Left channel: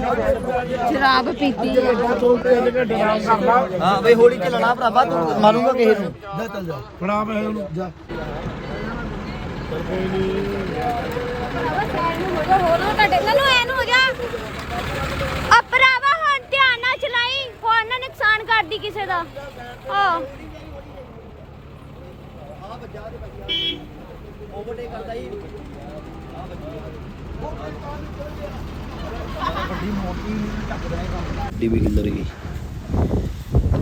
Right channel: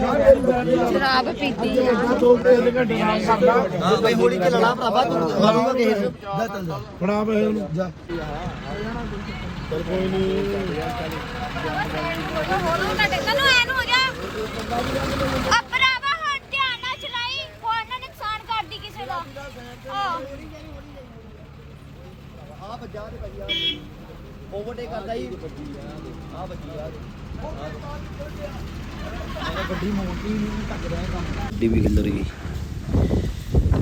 ਸ਼ਰਾਬ ਪੀਤੀ ਹਾਂ ਬਈ ਹੌਲੀ ਚ ਲੜਾ ਭਰਾਵਾ ਤੂੰ ਮਾਰੂਗਾ ਕਿਸੇ? ਨੂੰ ਜਾ ਚੱਲ ਜਾ। ਫੜਾ ਪਏ ਉਹਨੂੰ। ਜਾ। ਤੁਹਾਡੇ ਮੈਨੂੰ ਐਨ ਹੋ ਗਿਆ ਆ ਭਰਾਵਾ ਹੁਣ ਧਿਆਨ ਨਾਲ ਚਲਾਈ ਹੋਰ ਨਾ ਨੁਕਸਾਨ ਕਰਦੀ ਕਿਸੇ ਦਾ। ਹਾਂ। ਆ ਵੱਜਾ ਦੇ ਭਾਈ ਆ ਓਵਰਟੇਕ ਕਰਦਾ ਹੀ ਆ ਵੱਜੀ ਆ ਵੱਡੀ ਮੋਟੀ ਨਹੀਂ ਟੱਕ ਦੇਣਾ ਕੰਮ। ਗੱਡੀ ਵੀ ਹਿੱਲਰ ਗਈ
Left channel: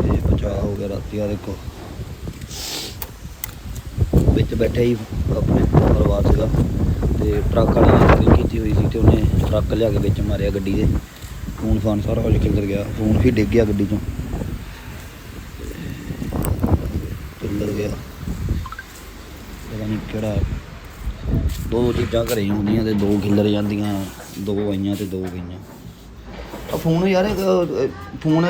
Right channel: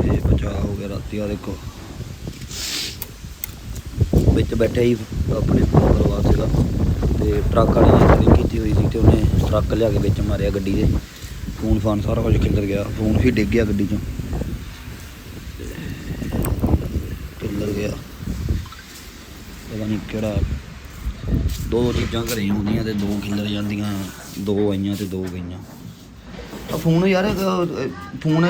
ਤੇ ਬਚਾਅ ਹੋ ਗਿਆ ਰਾਤੀ ਆ ਦੇਖੋ। ਵਿੱਚ ਬੈਠੇ ਹੀ ਆਪਣੇ ਪਰਿਵਾਰ ਸੀਗਾ। ਤੇ ਟਰੱਕ ਵਾਲੇ ਨੇ ਚੋਰੀ ਕੀਤੀ ਹੋਈ ਸੀ ਤੇ ਉਹਨੇ ਟਰੱਕ ਲਿਆ ਕੇ ਵਿੱਚ ਮਾਰਿਆ ਗੱਡੀ ਦੇ। ਫੋਨ ਫਾਨ ਸਾਰਾ ਕੁਝ ਖਿਲਰ ਗਿਆ। ਫੋਨ ਵੀ ਡਿੱਗ ਗਿਆ ਗੱਡੀ ਤੋਂ ਖਿੱਲਰ ਗਿਆ ਪਤਾ ਨਹੀਂ ਕਿਹੜਾ ਦੋ ਚੀਜ਼ਾਂ ਘਰੇ ਹੀ ਹੁੰਦੀਆਂ ਤੇ ਦੋ ਖਿੱਲਰ ਜਾਂਦੀਆਂ, ਦੋ ਆਈਆਂ ਤੇ ਦੋ ਗਈਆਂ। ਆ ਫੋਨ ਯਾਰ ਫੋਨ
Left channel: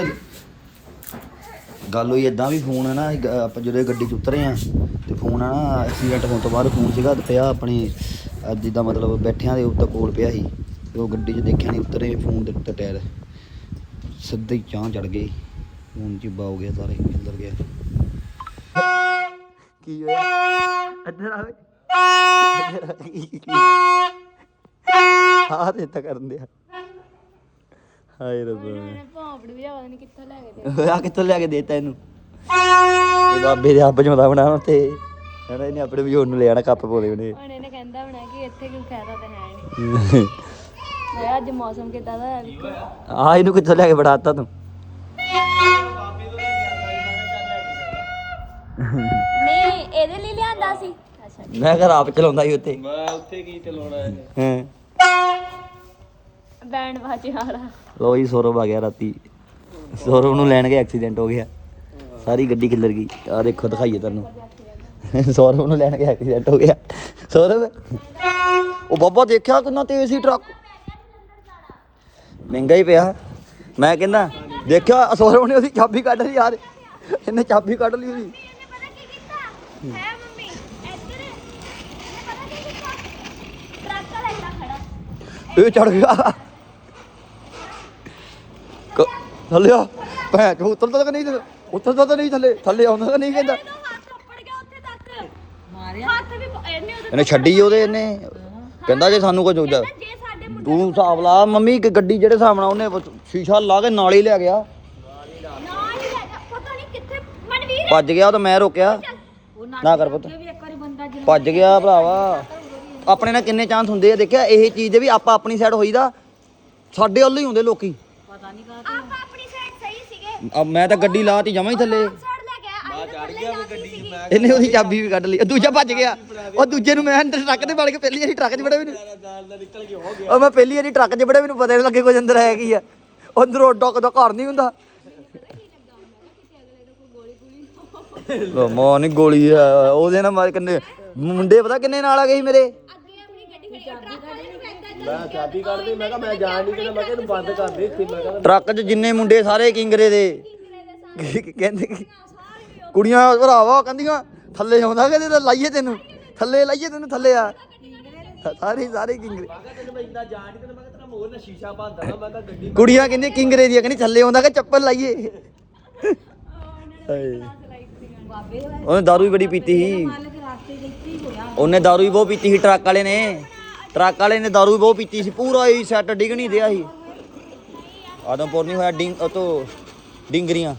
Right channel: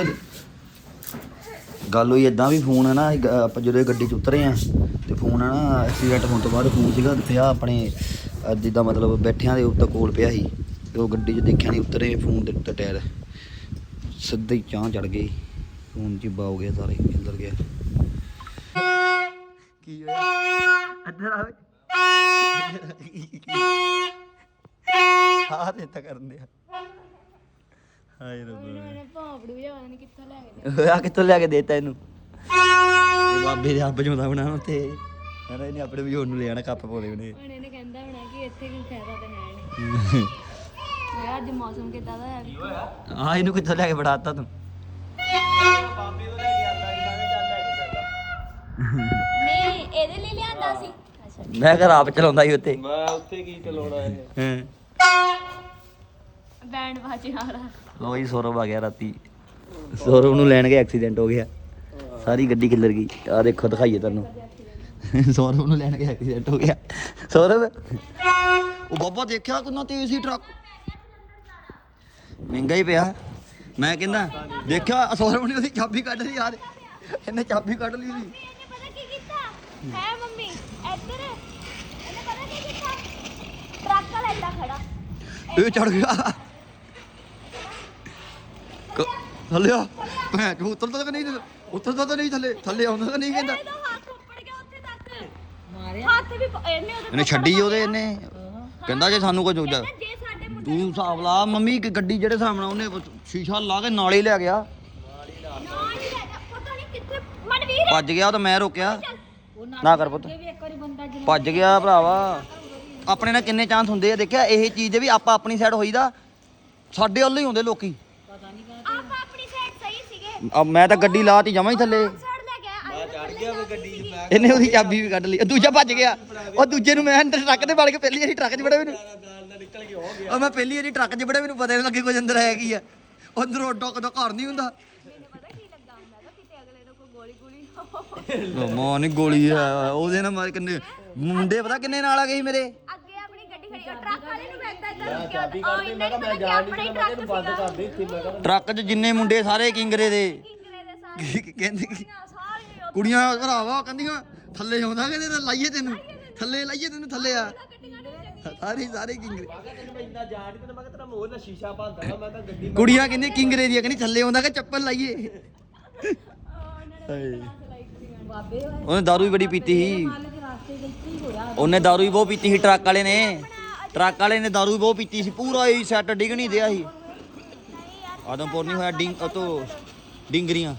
ਗੱਲ ਹੋਈ ਇਦਾਂ ਵੀ ਫੋਨ ਹੈ ਨਾ ਆਪਾਂ ਜਦੋਂ ਗੱਡੀ 'ਚ ਉਤਰੇ ਆ ਤੇ ਫੋਨ ਆ ਨਾ ਐਕਸੀਡੈਂਟ ਹੋਣ ਤੋਂ ਬਾਅਦ ਫੋਨ ਸੀਗਾ ਤੇ ਪਿਆ ਆਪਣੇ ਜਿੱਦਾਂ ਮਤਲਬ ਬੈਠਿਆਂ ਦੇ ਉੱਤੇ ਕੋਲ ਪਿਆ ਸੀ। ਤੇ ਉਹ ਗੱਡੀ 'ਚ ਦੇਖਿਆ ਨਹੀਂ ਉਤਰੇ, ਫੋਨ ਦੇ ਉੱਤੇ ਟਾਇਰ। ਸਿੱਧੇ ਹੀ ਚਾਹ ਚੜ ਗਈ। ਫੋਨ 'ਚ ਹੀ ਹੋ ਗਿਆ ਸਾਰੇ, ਅੰਦਰ ਗਿਆ। ਕੀ ਹੋਇਆ ਇੱਧਰ ਆ ਓਏ ਹਾਂ ਤੇ ਤਾਂ ਕਰਨ ਦਿਆ। ਹਾਏ ਰੱਬਾ। ਭਾਂਬੜੂ ਵੀ ਪਤਾ ਨਹੀਂ ਕਿੱਥੋਂ ਲੈ ਕੇ ਆ ਕਿੱਥੋਂ ਲਿਆ ਕੇ ਦੇਤਾ ਇਹਨੂੰ? ਇਹ ਬਾਬੇ ਦੇ ਆਪ ਜਮਦਾ ਬਣਾਉਣਾ ਤੇ ਹਣਾ ਇਹਨੇ ਆਪਣੇ ਬਜੋਰ ਨੂੰ ਲੈ ਆਣਾ ਕੱਪ ਪਾਉਂਦੇ ਉਹਨੇ ਹੁਣ ਇਹਨੇ ਕਹਿੰਦਾ ਹੋਣਾ ਕਿ ਇੱਥੇ ਕੋਈ ਫਾਇਦਾ ਤਾਂ ਹੈ ਨਹੀਂ ਮੈਂ ਅੱਜ ਮੌਸਮ ਕਿੱਦਾਂ ਦਾ ਹੈ ਵੀ ਆ ਇਹਨੂੰ ਕਿੱਥੋਂ ਲਿਆ ਕੇ ਬੜਾਤਾ ਤੂੰ? ਸੀ। ਮੈਂ ਘਰ ਆਪ ਚਲਾਉਂਦਾ ਸੀ ਉੱਥੇ। ਮੈਂ ਉੱਥੇ ਕੀ ਚਲਾਉਣਾ ਹੈ? ਬੈਂਡ ਬਾਜੇ ਵਾਲਾ। ਲੋ ਜੀ ਸੌਰਵ ਆ ਗਿਆ ਰਾਤੀ। ਸੌਰਵ ਨੂੰ ਲੈਣ ਗਏ ਐਕਸੀਡੈਂਟ ਹੋ ਗਿਆ। ਸਾਰੀ ਗੱਡੀ ਖਿੱਲਰ ਗਈ। ਆ ਦੇਖੋ ਦਿਖਾਈਏ ਤੁਹਾਨੂੰ। ਸੌਰਵ ਨੂੰ ਲੈਣ ਗਏ ਐਕਸੀਡੈਂਟ ਹੋ ਗਿਆ। ਸੌਰਵ? ਉਹ ਬਾਬਾ ਦੇਖਿਆ ਕਿੰਨਾ ਤੇਜ਼ ਸੀ ਟਰੱਕ? ਮਹਿੰਗਾ ਹੀ ਪਿਆ। ਮੈਂ ਕਹਿੰਦਾ ਦੇਖਿਆ ਸੌਰਵ ਨੇ ਉਹਦੀ ਚਾਬੀ ਕੱਢ ਲਈ ਯਾਰ। ਇਹਨੇ ਚਾਬੀ ਕੱਢ ਲਈ ਉਹਦੀ। ਇਹਨੇ ਪਤਾ ਕੀ ਕੀਤਾ? ਹੈ ਮੰਮੀ ਇੱਧਰ ਇਹਨੇ ਪਤਾ ਕੀ ਕੀਤਾ ਟਰੱਕ ਵਾਲਾ ਏਦਾਂ ਖੜਾ ਇਹ ਚੜ ਗਿਆ। ਕ- ਥੱਲੇ ਆ। ਭੈਣ ਚੋ ਉਤਰਦਾ ਤਾਂ ਨਹੀਂ ਉਤਰਦਾ ਤਾਂ ਨਹੀਂ ਥੱਲੇ ਥੱਲੇ ਆਉਂਦਾ ਤਾਂ ਨਹੀਂ ਕਹਿੰਦਾ। ਇਹਦਾ ਹੱਥ ਉੱਪੜ ਗਿਆ ਉੱਥੇ ਤੱਕ। ਮਾਰਿਆ। ਹੱਥ ਵੀ ਪ- ਇਹਨੇ ਛੱਡੀ ਉਹਦੇ ਇਹਨੇ। ਕਹਿੰਦਾ ਜੇ ਸਾਨੂੰ ਕੁਝ ਹੋ ਜਾ। ਤੂੰ ਹਿਸਾਬ ਲਾ ਮੰਮੀ ਕਿ ਗੱਡੀ ਜਿਹੜੇ ਹਿਸਾਬ ਨਾਲ ਉਹਨੇ ਸ਼ੀਸ਼ਾ ਲਾ ਕੇ ਨਾਲ ਹੀ ਲੈ ਗਿਆ। ਨਾਲ ਹੀ ਲੈ ਗਿਆ। ਪਤਾ ਨਹੀਂ ਕਿੱਥੇ ਮਨਵੀਰ ਭੱਜ ਗਿਆ ਤਾਂ ਮੈਂ ਰੋਕਿਆ। ਨਾ ਕਰ ਪੁੱਤ। ਵੀ ਇੱਕ ਵਾਰੀ ਬੰਦਾ ਜਿਹੜਾ ਭੱਜ ਗਿਆ ਭਰਾਵਾ। ਆਪਣੇ ਨਾਲ ਕਿੰਨੇ ਚਾਂਸ ਹੁੰਦੇ ਆ? ਦੇਖਿਆ ਇਹ ਚੀਜ਼ ਦੇ ਵੀ ਆਪਾਂ ਆਪਣੀ ਸਾਈਡ ਹੋਈਦਾ। ਸਾਡੇ ਵੱਲ ਹੀ ਹੁੰਦੇ ਲੋਕੀ। ਆਪਾਂ ਆਪਣੀ ਸਾਈਡ ਸਹੀ ਸੀਗੇ। ਆ ਮੈਂ ਤਾਂ ਗੱਡੀ ਲਾਤੀ ਜਮਾਂ ਹੀ ਥੱਲੇ। ਸਾਈਡ ਲੈ ਗਿਆ ਮੈਂ ਚੜ ਗਿਆ ਗੱਡੀ ਇਹਨੇ ਉਹਦੀ ਚਾਬੀ ਵੀ ਕੱਢ ਲਈ। ਉਹ ਦੂਜਾ ਭੱਜ ਗਿਆ। ਉਹ ਦੂਜੇ ਨੂੰ ਮੈਂ ਅੰਦਰ ਟਰੱਕ ਤੇ ਵੜ ਕੇ ਪਹਿਲੀ ਵਾਰੀ ਟਰੱਕ 'ਚ ਵੜਿਆ ਮੈਨੂੰ। ਉਹ ਮੈਂ ਪਹਿਲੀ ਵਾਰੀ ਟਰੱਕ 'ਚ ਵੜਿਆ ਮੈਨੂੰ ਪਤਾ ਨਹੀਂ ਲੱਗੇ ਕੁਝ ਅੰਦਰ ਹੈ ਕੀ ਆ। ਅੰਦਰੋਂ ਡੱਕ ਦਾ ਘਰ ਨਹੀਂ ਹੁੰਦਾ। ਮੋ ਨਹੀਂ ਗੋਲੀ ਆ, ਉਹਦੇ ਨਾਲ ਮਾਰ ਕਿੰਨੇ ਮੁੰਡੇ ਪਤਾ ਕਿੰਨੇ ਨਾਲ ਆ ਗਏ ਸੀ ਮੇਰੇ? ਅੱਗੇ ਆਪਣੀ ਗੱਡੀ ਖੜੀ ਆ, ਟਰੱਕ ਵਾਲੇ ਨੂੰ ਕਿਹਾ ਨਹੀਂ ਬੰਦ ਕਰ ਦੇ 'ਚ ਜਿੰਨੇ ਮੁੰਡੇ ਸਾਰੇ ਕਿੰਗਰੇ ਦੇ। ਕਹਿੰਦੇ ਕਿ? ਕੁੜੀਆਂ ਭਰਾਵਾ ਕਹਿੰਦੀਆਂ ਥੱਲੇ ਆਉਂਦਾ ਕਹਿੰਦੇ ਤਾਂ ਲਾਈਏ ਤੈਨੂੰ? ਥੱਲੇ ਲਾਈਏ ਤੈਨੂੰ ਥੱਲੇ ਆ। ਸਾਰੇ ਸਾਰੇ ਕਿੰਗਰੇ। ਕੁੜੀਆਂ ਕਹਿੰਦੀਆਂ ਕਿੰਗਰੇ ਦੀ ਕਹਿੰਦੀ ਥੱਲੇ ਆਉਂਦਾ ਕਿ ਚੱਪਲ ਲਾਈਏ? ਹਾਏ। ਉਹਨੇ ਦਾਰੂ ਵੀ ਬੜੀ ਪੀਤੀ ਸੀ। ਉਹਨੇ ਦਾਰੂ ਵੀ ਬਹੁਤ ਪੀਤੀ ਸੀ ਟਰੱਕ ਵਾਲੇ ਨੇ। ਟਰੱਕ ਵਾਲੇ ਨੇ ਦਾਰੂ ਵੀ ਬਹੁਤ ਪੀਤੀ ਸੀ ਪੂਰਾ ਹੀ ਸੈੱਟ ਡਿੱਗ ਨਹੀਂ ਦਿਆ ਸੀ। ਆਦਮਪੁਰ ਨਹੀਂ ਹੋਇਆ ਡਿੰਗ ਉਹ ਤੋਂ ਡਿੰਗਰੀਆਂ।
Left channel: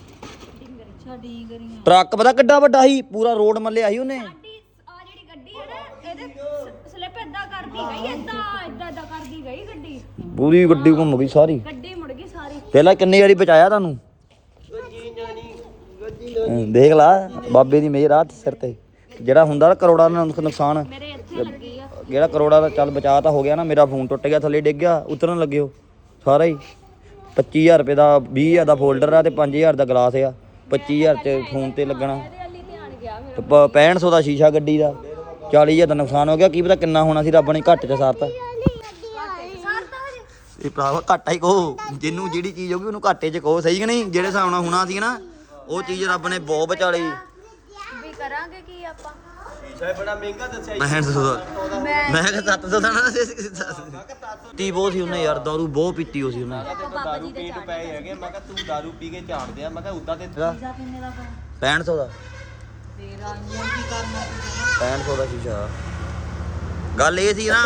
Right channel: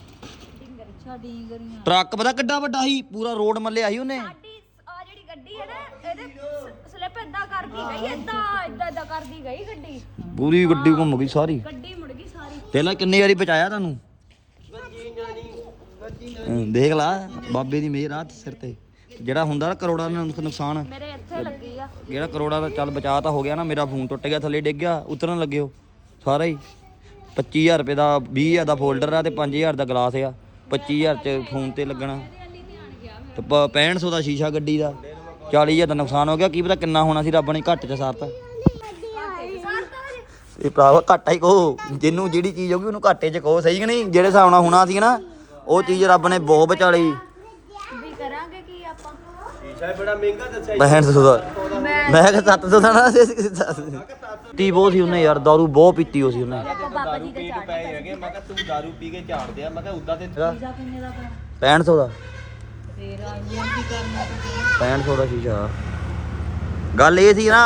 ਟਰੱਕ ਪਤਾ ਕਿੱਡਾ ਵੱਡਾ ਸੀ ਪੂਰਾ ਰੋਡ ਮੱਲਿਆ ਸੀ ਉਹਨੇ। ਸਾਡੀ ਆ ਜਿਹੜੀ ਗੱਡੀ ਹੈ ਨਾ ਇਹਦੇ ਸਲਿੱਪ ਇਦਾਂ ਕਰਦੀ ਗਈ ਇਦਾਂ ਇਦਾਂ ਇਦਾਂ ਕਰਦੀ ਗਈ ਗੱਡੀ। ਪੂਰੀ ਗੱਡੀ ਘੁੰਮ ਗਈ ਸਾਰੀ। ਗੱਡੀ ਮੁੜ ਗਈ ਸਾਰੀ। ਪਹਿਲਾਂ ਕਿੰਨੀ ਵਾਰੀ ਬਚਾਇਆ ਤੁਹਾਨੂੰ। ਦੇਖ ਲਾ ਬਾਬੇ ਦੀ ਮਿਹਰ ਆ ਸਿਰ ਤੇ। ਜਿਹੜਾ ਹੁੰਦਾ ਨਾ ਕਰੋੜਾਂ ਦਾ ਨੁਕ- ਨੁਕਸਾਨ। ਮੇਰੇ ਇੱਥੇ ਲੱਗੀ ਆ। ਜਿਹੜਾ ਕਰੋੜਾਂ ਦਾ ਚੱਲ ਬਚਾ ਤਾਂ ਹੋ ਗਿਆ ਨਾ ਮੇਰਾ ਫੋਨ ਟੁੱਟ ਗਿਆ ਥੱਲੇ ਡਿੱਗ ਗਿਆ ਉਤਰਨ ਲੱਗਿਓ ਸਾਰਾ ਹੀ। 25000 ਰੁਪਏ ਦਾ 20000 ਦਾ ਫੋਲਡਰ ਆ ਤੇ 5000 ਦਾ ਗਲਾਸ ਆ। 25000 ਚ ਫੋਨ ਤੇ ਲੱਗਣਾ। ਵਾਲੀ ਧਿਆਨ ਗਿਆ ਤੇ ਪ- 6500 ਦਾ ਸ਼ੀਸ਼ਾ ਗੱਡੀ ਦਾ 40000 ਦਾ ਨੁਕਸਾਨ ਹੋ ਗਿਆ। ਕੀ ਪਤਾ ਕਿੰਨਾ ਹੋਣਾ ਸੀ ਰੱਬ ਨੇ ਘੱਟ ਚ ਸਾਰਤਾ। ਇਹ ਭਰਾਵਾ ਘਾਟਾ ਹੀ ਕਹੋ ਜਿਹਨੂੰ ਜਿਹੜੀ ਚੀਜ਼ ਹੋਗੀ ਉਹਨੂੰ ਘਾਟੇ ਚ ਕਹੋ ਸਹੀ ਕਿ ਨਹੀਂ? ਜਿਹੜੇ ਹਿਸਾਬ ਨਾਲ ਹੋਣਾ ਸੀ ਨਾ ਉਹ ਚੀਜ਼ ਰੱਬ ਨੇ ਬਹੁਤ ਬਚਾ ਲਈ ਕਰਾਂਗੇ ਕੀ ਆਪਾਂ? ਸ਼ੀਸ਼ਾ ਬੜਾ ਮਹਿੰਗਾ ਦੱਸਿਆ ਮੈਂ ਸੋਦਾ। ਮੈਂ ਕਿ 700 ਦਾ ਨਾ ਤੀ ਬਹੁਤ ਸੀ ਉਹਨੇ ਯਾਰ ਦਾਰੂ ਬਹੁਤ ਪੀਤੀ ਹੋ ਸੀ ਉਹਨੇ। ਦਾਰੂ ਪਏ ਹੈਗੇ ਮੈਂ ਕਿਹਾ ਤੂੰ ਦਾਰੂ ਪੀ ਕੇ ਝਾੜ ਦਿਆ ਮੈਂ ਕਿਹਾ ਉਦਾਂ ਤੇ 6500 ਦਾ ਫੇਰ ਆਈਆਂ ਕੀ ਕਰਨਾ 6500 ਦਾ ਸ਼ੀਸ਼ਾ ਗੱਲ ਇਹ ਸੀ ਨਾ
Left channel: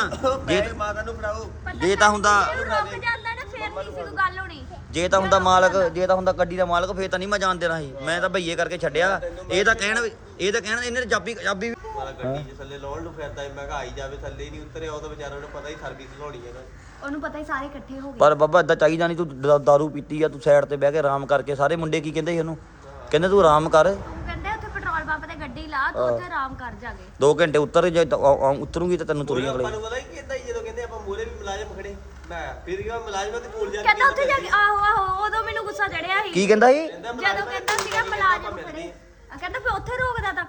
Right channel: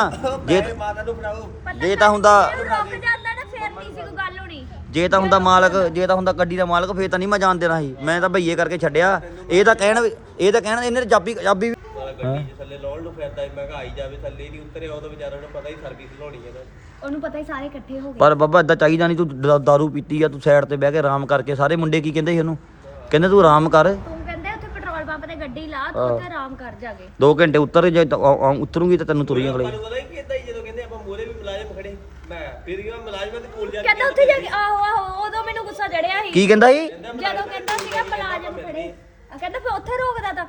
ਜੇ ਮਾਤਾ ਨੂੰ ਫੜਾਓ। ਜੇ ਤਾਂ ਹੁੰਦਾ ਕੰਮ ਜਾਂਦਾ ਨਾ ਫੇਰ ਨਹੀਂ ਸੀ ਕੋਈ ਗੱਲ ਹੋਣੀ ਜੇ ਤਾਂ ਹੁੰਦਾ ਮਾਲਕ ਜੇ ਤਾਂ ਹੁੰਦਾ ਗੱਡੀ ਦਾ ਮਾਲਕ ਫੇਰ ਤਾਂ ਨਹੀਂ ਮੈਂ ਜਾਣ ਦੇਣਾ ਸੀ। ਮੈਂ ਤਾਂ ਭਈਏ ਕਰਕੇ ਛੱਡਿਆ। ਇਹ ਤਾਂ ਕਹਿਣ ਇਹ ਤਾਂ ਕਹਿਣਾ ਇਹਨੇ ਚਾਬੀ ਚਾਬੀ ਮਾਰਾ ਗੱਡੀ 'ਚ ਥੱਲੇ ਲਾਉਣ ਨੂੰ ਫਿਰਦਾ ਸੀ। ਮੈਂ ਕਿਹਾ ਆਈ ਜਾਵੇ ਥੱਲੇ ਨਹੀਂ ਉਤਰਿਆ ਉਹ ਤਾਂ ਵਿਚਾਰਾ ਨੂੰ ਪਤਾ ਹੀ ਸਰਵਿਸ ਲਾਉਣੀ ਹੈ ਨਾ। ਉਹਨੂੰ ਪਤਾ ਹੀ ਸਾਰੇ ਇਕੱਠੇ ਹੋ ਗਏ। ਪਰ ਬੱਬਾ ਇਦਾਂ ਚਾਹੀਦਾ ਨਹੀਂ ਤੂੰ ਦ- ਦਾਰੂ ਪੀਤੀ ਆ ਤੂੰ ਸਾਈਡ ਤੇ ਬਹਿ ਕੇ ਆਰਾਮ ਕਰਕੇ ਸਾਰੇ ਮੁੰਡੇ ਕੀ ਕਹਿੰਦੇ ਸੀ ਉਹਨੂੰ? ਕਹਿੰਦੇ ਤੂੰ ਆਰਾਮ ਕਰ। ਤੂੰ ਕਹਿੰਦੇ ਉੱਥੇ ਪੈਟਰੋਲ ਪੰਪ ਤੇ ਗੱਡੀ ਲਾ ਤੂੰ ਉੱਥੇ ਆਰਾਮ ਕਰ ਜਾਗੇ। 2 ਘੰਟੇ ਉੱਤਰ ਜੇ ਤਾਂ ਆ- ਆ- ਉਤਰੂਗੀ ਤਾਂ ਤੈਨੂੰ ਤੁਰੀ ਹੀ ਜਦੋਂ ਕਹਿੰਦੇ ਆਪਾਂ ਮੋਰੇ ਵੀ ਮੁਲਾਜ਼ਮ ਖੜੇ ਮੈਂ ਫਿਰ ਕਿਹਾ ਮੁਲਾਜ਼ਮਾਂ ਦੇ ਕੋਲ ਜਾ ਕੇ ਕਹਿੰਦਾ ਉੱਥੇ ਜਾ ਕੇ ਆਹੋ ਆਹੋ ਉਦੋਂ ਮੈਨੂੰ ਗੁੱਸਾ ਚੜਿਆ ਸੀ। ਕੀ ਕਹਿੰਦਾ ਸੀ? ਜਦੋਂ ਕਹਿੰਦਾ ਸੀਗਾ ਮੁਲਾਜ਼ਮ ਖੜੇ। ਆ ਕਹਿੰਦਾ ਫਿਰ ਉੱਥੇ ਰੋਕਦਾ ਤਾਂ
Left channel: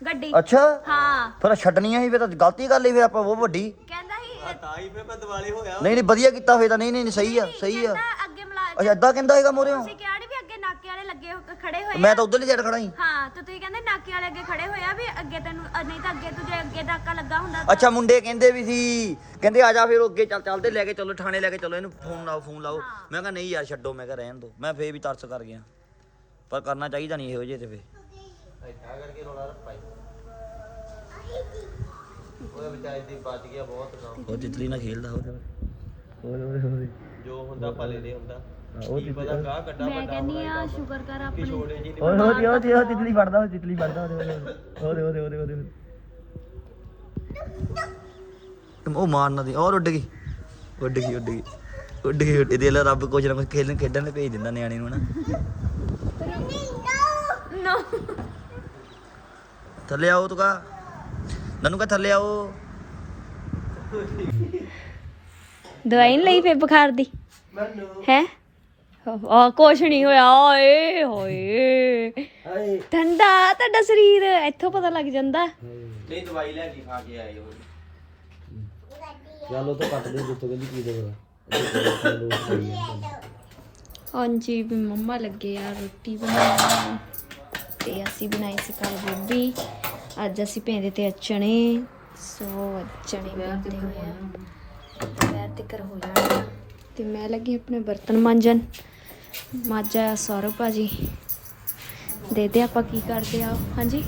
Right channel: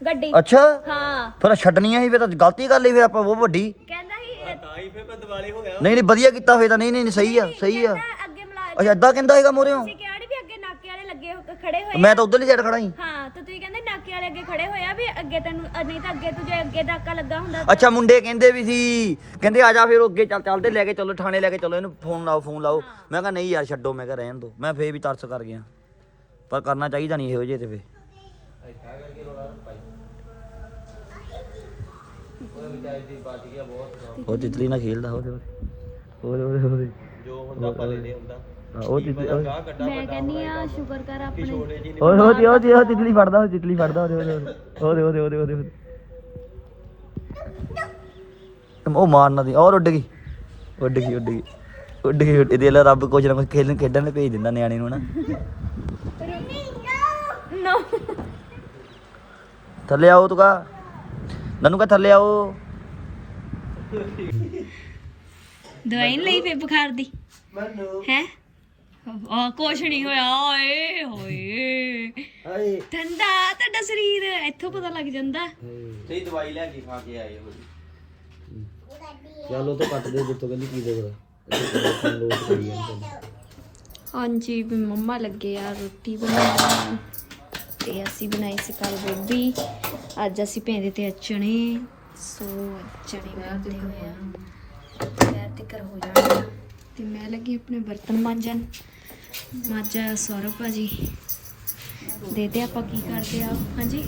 ਗੱਡੀ। ਅੱਛਾ? ਹਾਂ। ਫਿਰ ਛੱਡਣੀਆਂ ਸੀ ਫਿਰ ਤਾਂ ਗਲਤੀ ਕਰ ਲਈ ਫਿਰ ਆਪਾਂ ਉਹ ਵੱਡੀ। ਕਹਿੰਦਾ ਸੀ ਤਾਂ ਹੀ ਫਿਰ ਮੈਂ ਦਿਵਾਲੇ ਹੋ ਗਿਆ ਨਹੀਂ ਨਹੀਂ ਵਧੀਆ ਕੀਤਾ ਫੇਰ ਤਾਂ। ਨਹੀਂ ਨਹੀਂ ਨਹੀਂ, ਸਹੀ ਆ ਸਹੀ ਆ। ਕਹਿੰਦਾ ਅੱਛਾ ਏਦਾਂ ਕਹਿੰਦਾ ਹੈਗਾ ਮੋਰੇ ਤੁਸੀਂ ਕਿਹਾ ਨੀ ਵੀ ਅੱਗੇ ਨਾਕੇ ਵਾਲੇ ਲੱਗੇ ਹੋ- ਖੜੇ ਹੋਏ ਮੈਂ ਆ? ਤਾਂ ਉਧਰ ਨਹੀਂ ਜੜ ਖੜਾ ਸੀ ਹਾਂ ਤੇ ਤੁਸੀਂ ਕਹਿੰਦੇ ਨਾਕੇ ਵਾਲੇ ਅੱਗੇ ਖੜੇ ਹੋਏ ਆ ਵੀ ਅੱਗੇ ਤੈਨੂੰ ਅ, ਨਹੀਂ ਤਾਂ ਅੱਗੇ ਤੁਝੇ ਅੱਗੇ ਨਾਕਾ ਲੱਗਾ ਹੁੰਦਾ ਤਾਂ ਅੱਛਾ ਮੁੰਡੇ ਕਹਿੰਦੇ ਵੀ ਸੀ। ਕਹਿੰਦੇ ਆ ਜਾ ਫਿਰ ਅੱਗੇ ਚੱਲ ਚੱਲਦੇ ਲੈ ਕੇ ਚਲੋ ਥਾਣੇ ਲੈ ਕੇ ਚਲੋ ਇਹਨੂੰ ਫੋਨ ਲਾਓ ਫੋਨ ਲਾਓ। ਮੈਂ ਕਿਹਾ ਨਹੀਂ ਯਾਰ ਛੱਡੋ ਮੈਂ ਕਿਹਾ ਰਹਿਣ ਦੋ। ਮੈਂ ਫੇਰ ਵੀ ਤਰਸ ਕਰ ਗਿਆ। ਪਰ ਕਰਨਾ ਚਾਹੀਦਾ ਨਹੀਂ ਇਹੋ ਜਿਹੇ ਤੇ ਫੇ ਇੱਥਾ ਕਰਕੇ ਰੋਲਾ ਪਾਈ ਉਹ ਵਿਚਾਰੀ ਦੀ ਬਚ ਗਿਆ ਬਹੁਤ ਕੰਮ ਉਹ ਤਿਤਲੀ ਨਾਲ ਖੇਲਦਾ ਉਹਦੇ ਉਹਦੇ ਉਹਦੇ ਉਹਦੇ ਜੋ ਹੁੰਦਾ ਭਲੇ ਦੇ ਹੁੰਦਾ। ਉਹ ਕੀ ਪਤਾ ਗਾਹ ਕੱਢਾ ਮੈਂ ਕਹਿੰਨੀ ਆ ਸ਼ੁਕਰ ਕਰ ਆਪਣੇ ਛੋੜੇ ਜੀ ਓਏ ਉਹਦੀ ਉਹਦੀ ਉਹ ਤਿਤਲੀ ਫੜਦਾ ਉਹ ਤਿਤਲੀ ਫੜਦਾ ਉਹਦੇ ਉਹਦੇ ਉਹਦੇ ਉਹਦੇ ਉਹਦੇ ਉਹਦੇ ਉਹਦੇ। ਉਹ ਮਾਰਨਾ ਦੀ ਔਰ ਉੱਡ ਗਈ। ਉੱਡ ਗਈ ਉੱਡ ਗਈ। ਉੱਡ ਗਈ ਉੱਡ ਦੇ ਲੈ ਰੱਬ ਕੁਝ ਨਾ ਕੁਝ ਖੇਲਣ ਖੇਡਣ ਲਈ ਭੇਜ ਦਿੰਦਾ ਨਿਆਣੇ ਨੂੰ ਨਾ। ਨੋ ਥੱਲੇ ਆਓ ਤੁਕਾ ਨਨੂ ਕਾ ਥੱਲੇ ਆਓ। ਦਵਾਈ ਨੀ ਲਈ ਫੇ ਬੁਖਾਰ ਦੀ? ਮੈਨੂੰ। ਹੈ? ਆ ਕੁਛ ਨਹੀਂ ਹੋਇਆ ਓਏ ਹੋਏ। ਹਾਏ। ਠੰਡਾ ਤੁਹਾਡਾ ਸਰੀਰ ਇੱਥੋਂ ਪਤਾ ਲੱਗ ਜਾਂਦਾ। ਨਹੀਂ ਦਵਾਈ ਲੈ ਕੇ ਖਾ ਕੇ ਆਏ ਹੋ ਚੱਲ ਉਹ ਤੋਂ ਕੱਟ ਦੇ ਜਿੱਤੋਂ ਕਹਿੰਦੀ ਕੀ ਦੇ ਫਿਰ। ਲੋਟ ਕਰੀ ਜਾਂਦੇ ਹਾਂਜੀ ਵੀ ਮੰਮਾ ਲੱਗੇ ਆ ਰੋਟੀ ਬਣਾਉਣ। ਤੇ ਅਸੀਂ ਬਣਾਈ ਸੀ ਕੱਲ ਗੋਭੀ। ਅੱਜ ਅਸੀਂ ਭੇਂਦੇ ਤੇ ਚਣੇ ਸੋ ਚਣੇ ਬਣਦੇ ਹੋਏ ਆ। ਤੇ ਕਰ ਹੋ ਜਾਣਾ ਤੇ ਮੈਂ ਲੱਗੀ ਆਪਣੇ ਬਰਤਨ ਮਾਂਜਣ। ਮਾਜਾ ਸੌਰਵ ਭਾਜੀ ਦੇ ਦੇ ਆਪਾਂ ਕੀ ਕਰਦੇ ਆ ਹਾਂਜੀ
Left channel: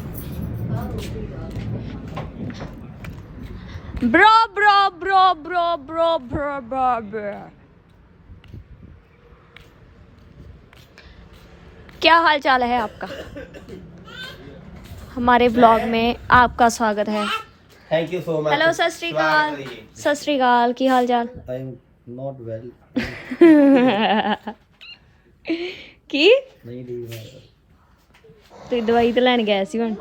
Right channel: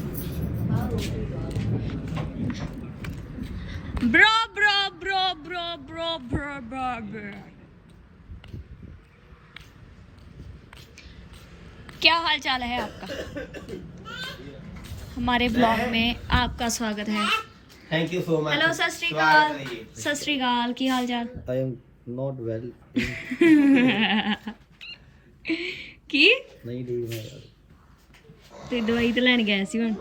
bro bro bro bro bro bro bro bro क्या हाल चाल है आपका हमारे ब्लॉग में आपका स्वागत है thank you so much hello Sat Sri Akal सत श्री अकाल की हाल चाल ਆਈ ਐਮ ਨਾਟ ਵੈਲ की ਨਹੀਂ ਠੀਕ ਮੈਂ ਤੇ ਦਵਾਈ ਤੇ ਲੈਣ ਗਿਆ ਸੀ ਹੁਣ।